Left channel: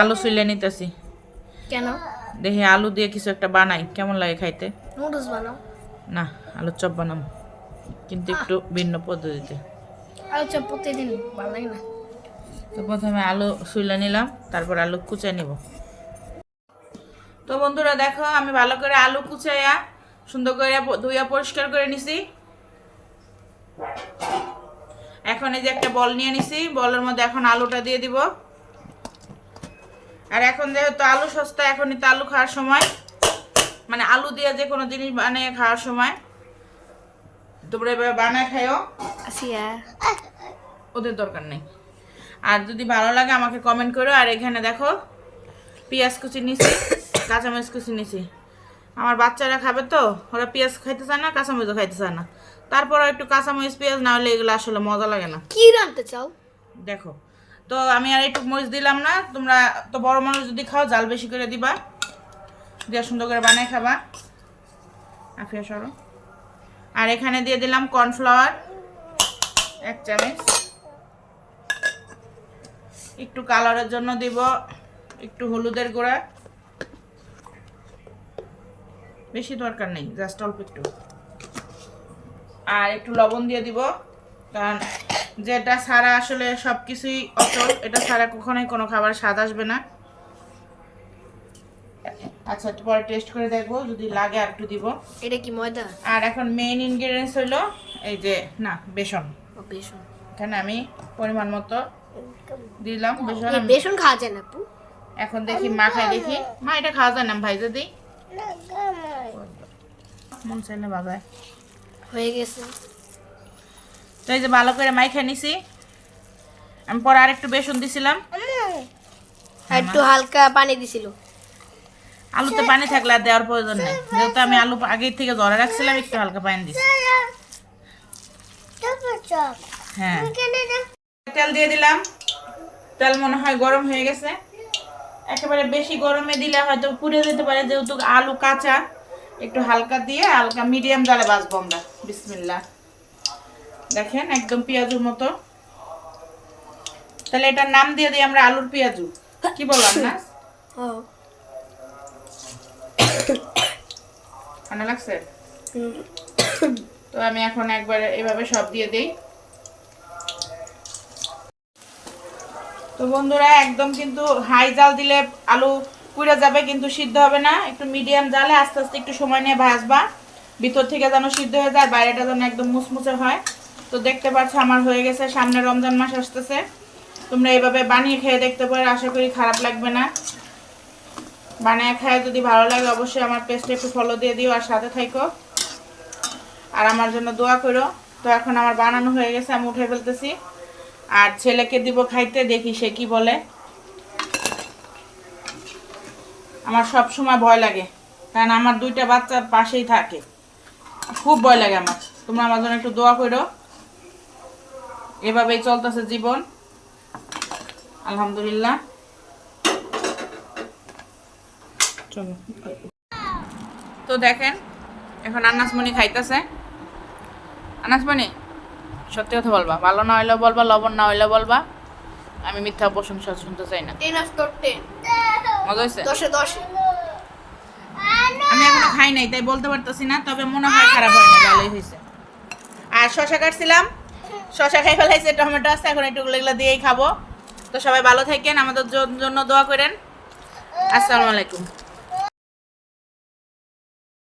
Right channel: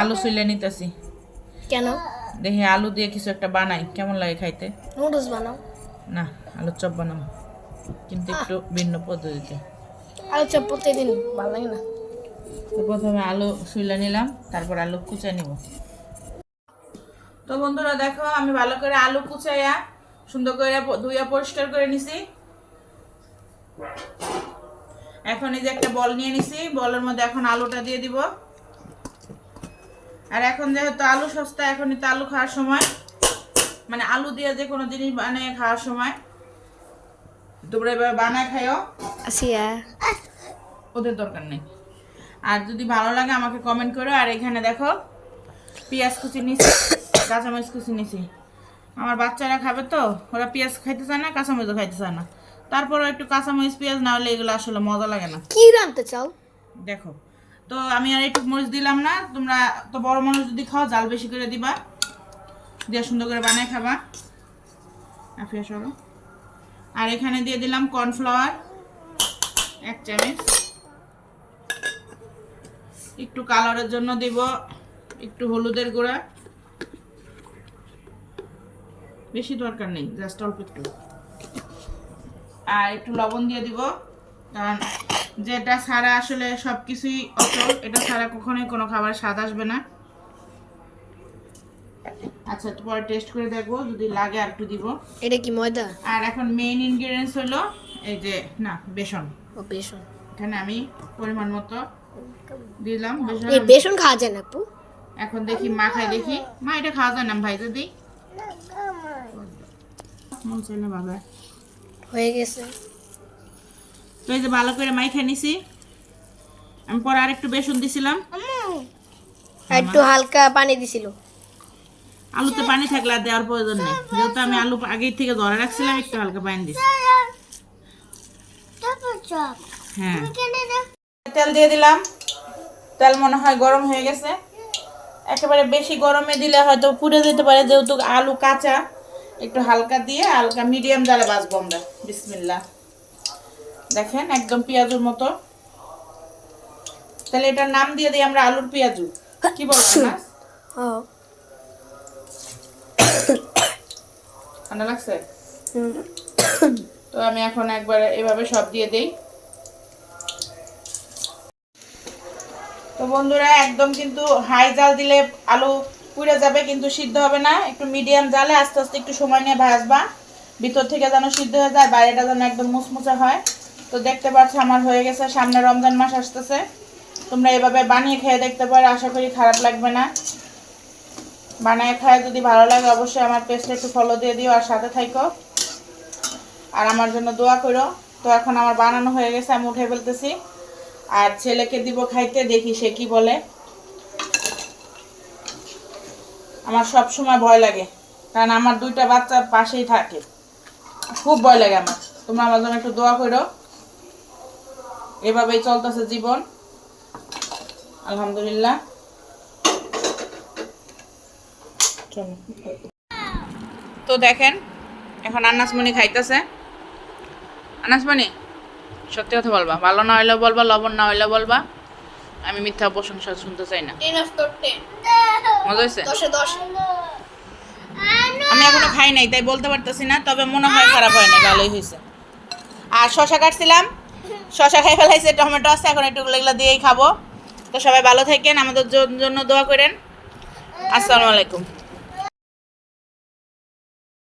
আলু চুলে নিতেছি। কেন? দেখি আলু দিয়ে কিছু একটা বানাই কেমন লাগে খাইতে? নুডলস বানাও। না আলুর চপ বানাবো কিন্তু একটু ভিন্ন পদ্ধতিতে। আলু চপ প্রতিদিন ভালো লাগে না। তো প্রথমে আলু শুইলে নিলাম তারপর আলু কুচে নিব। তো বন্ধুরা দেখো আমি ভালো করে আলু কুচাইয়া সুন্দর করে ধুইয়া পরিষ্কার করে নিছি। এখন এই যে একটা বল নিয়ে নিছি বলের মধ্যে এখন আলুটা দিয়ে দিব। আর এখন যেহেতু আলু সস্তা এখনই তো আলু খাওয়ার সময়। মানে আলু দিয়ে যে কোনো জিনিস বানিয়ে খাওয়ার সময়। তোমরা এবার বানায় খাইও। ওদের দরকার নেই। আর যদি ভালো লাগে আমাকে কমেন্ট করো। আর এখানে দেখো পেঁয়াজ কুচি নিছি কাঁচামরিচ কুচি নিছি। আমার বাচ্চারা খাবে তো ওরা পেঁয়াজ খাইতে চায় না কাঁচামরিচও খাইতে চায় না। তারপর একটু কাঁচামরিচ পেঁয়াজ না হলে এগুলো আসলে মজা লাগে না। কি রানতে চাও? দেখো তো আমি আর একটু মরিচ দিলাম না। তোমরা তো বড় মানুষ যদি খাও, জাল বেশি করে দিবা। দিয়ে সুন্দর করে বানিয়ে খাবা। আফিয়া সরো। আর এখানে দিয়ে দিলাম কর্নফ্লাওয়ার, এক চামচ। একটু কালারের জন্য দিব, একটু হলুদের গুঁড়া। বেশি দরকার নেই, জাস্ট অল্প একটু। আর একটু লবণ দিয়ে দিব, কারণ যেটা ছাড়া আসলে সব কিছুই অচল এটা ছাড়া কখনোই কোনো খাবার স্বাদ আসবে না। আচ্ছা পরে টেস্ট করে দেখব যদি লাগে আর একটু দিব। এটা কি ময়দা? আর এখন মেইন ইনগ্রিডিয়েন্টস হলো এই যে না বেসন। ও বেসন। এখানে আমি পরিমাণ মতো দিলাম বেসন এই বেসন খাওয়া যায় না আপু? এখন দেখি মা খাই দেখি। মা এটা খাওয়া যায় না ভাই যদি। মন চাইলে বাবা হয়ে গেছে। তো এই যে ভালো করে মাই খেয়ে নিছি। আমি পরে আরেকটু বেসন দিছিলাম। আর একটু হালকা পানি দিছিল। আলুতে পানি থাকলে আর দেওয়ার প্রয়োজন নেই। যেহেতু আমি আলু আগের থেকে ধরে রাখছিলাম একটু হালকা পানি দিছি। হ্যাঁ। তেল দিয়ে দিলাম। তেল মনে হয় গরম হয়ে গেছে। একেবারে বেশি গরমে দিলে হয়তো পুড়ে যেতে পারে যেহেতু আলু কাঁচা। একটু হালকা দিয়ে হালকা মিডিয়াম জালে বাজবো আমরা। বিসমিল্লা দেখেন একদম পেঁয়াজুর মতো। তাহলে এটার নাম দিয়ে দিই আমরা আলুর পেঁয়াজু। কি বললাম না ঠান্ডা লাগছে? তো আমি এখন একবার এভাবে সব দিয়ে দেই। তো বন্ধুরা একদম কিন্তু হাই জাল দিলে আলু পুড়ে যাবে কিন্তু সিদ্ধ হবে না। একটু মিডিয়াম জালে আস্তে আস্তে একটু সময় নিয়ে ভাজবা। ভিতর থেকে যেন সিদ্ধ হয়ে যায় বাইরেটা যেন একদম মুচমুচে হয়। তো দেখতে পাচ্ছ, আমার হয়ে গেছে, সামনে রমজান মাস আসতেছে। তোমরা এভাবে বানিয়ে খেয়ে দেখতে পারো, আশা করি খারাপ লাগবে না। বানিয়ে খায় যদি ভালো লাগে, অবশ্যই আমার পেজটা একটু ফলো দিয়ে দিও আর সাথে থাইকো। আর আমার জন্য দোয়া করো। তো এখন আমার বানানো হয়ে গেছে, আমি উঠে ফেলতেছি। আর ছেলেকে দিব খাইতে, দেখি সে কি বলে। আমার সব সময় ভয় লাগে, কারণ আমার দুইটা বাচ্চা পাশেই থাকে। খুব ভয় লাগে আমার। তোমরা আমার জন্য একটু দোয়া করো। এভাবেই চলতেছে জীবন। আলহামদুলিল্লাহ। চলো। তো দেখেন এখন আনাসমণি খাইতেছে। আনাসমণি সত্যি কথা বলবা ভালো না হইলেও বলবা লবণ না হইলেও বলবা। আমি মিথ্যা প্রশংসা শুনতে চাই না। মজা হয়েছে আমি এখনও খাই নাই তাই বলতে পারতেছি না তবে মনে হয় খারাপ হয় নাই ভালোই হয়েছে আর শশা কাটছিলাম। শশা খাই ফেলাইছে, টমেটো আছে, এখন একটু এগুলো দিয়েই খাব। তো সবাই ভালো থাকেন, আমাদের জন্য দোয়া করেন। আসসালামু আলাইকুম।